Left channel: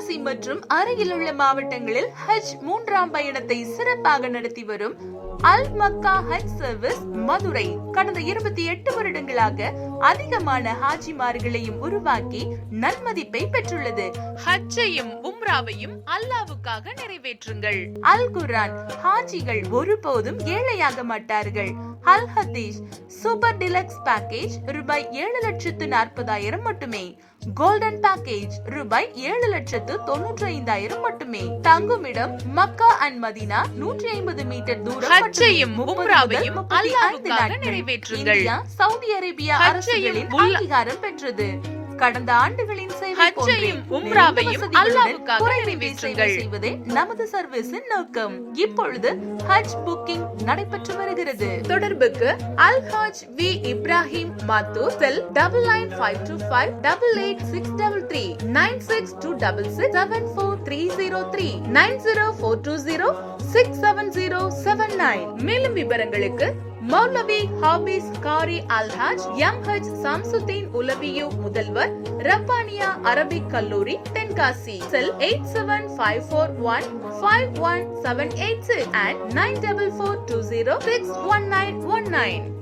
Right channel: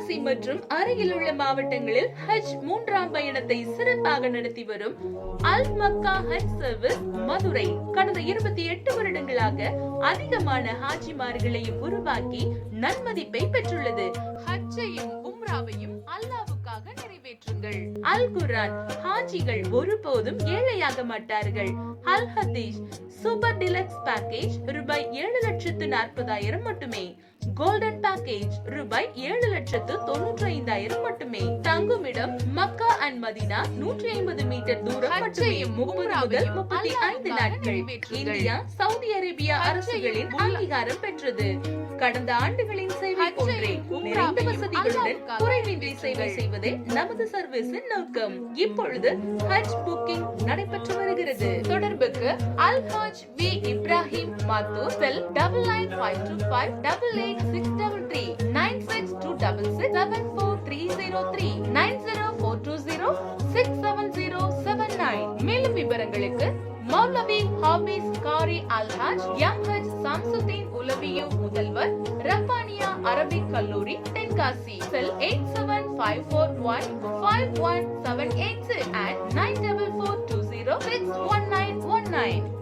தென்காசி மற்றும் அருகிலுள்ள மாவட்டங்களில் ஹஜ் 3ஆம் பயணத்தை சிறப்பாக நடத்தி வரும் அல் மக்கா ஹஜ் சர்வீஸ் மதுரை கடந்த 28 வருடங்களாக அதிகமான ஹாஜிமார்களையும் உருவாக்கி நன்மதிப்பை பெற்றுள்ளது. ஹஜ்ஜையும் உம்ராவையும் அல்லாஹ்வுக்காக நிறைவேற்றுங்கள். அல் குர்ஆன் ஹாஜிகள் ஒருபோதும் ஏழையாக மாட்டார்கள். அல் ஹதீஸ் சூப்பர் டிலக்ஸ் பேக்கேஜ் ரூபாய் 7,40,000 மட்டுமே. கோல்டன் பேக்கேஜ் ரூபாய் 7,95,000 மட்டுமே. தங்குமிடம் மக்கா அண்ட் மதீனா 150 மீட்டர் தூரம். ஹஜ்ஜையும் உம்ராவையும் அல்லாஹ்வுக்காக நிறைவேற்றுங்கள். இந்தியா சவுதி அரேபியா அரசுகளின் அங்கீகாரம் பெற்றது. கடந்த ஆண்டுகளின் சேவை போன்றையும் உம்ராவையும் அல்லாஹ்வுக்காக நிறைவேற்றுங்கள் செய்வதே நமது சர்வீஸின் நோக்கம். இப்பொழுது ஹஜ் புக்கிங் நடைபெற்று வருகிறது. தொடர்புக்கு அல் ஹஜ் வி இப்ராஹிம் மாத்தூர் செல் 9952588633 9626674303 9042067079. மேலும் விவரங்களுக்கு மௌலவி ஹாபிஸ் காரி அல் ஹஜ் எம் ஹஜ் சம்சுதீன் உலவியு முதல்வர் ரப்பானியா அரபிக் கல்லூரி தென்காசி செல் 8754151786 and 9442061919.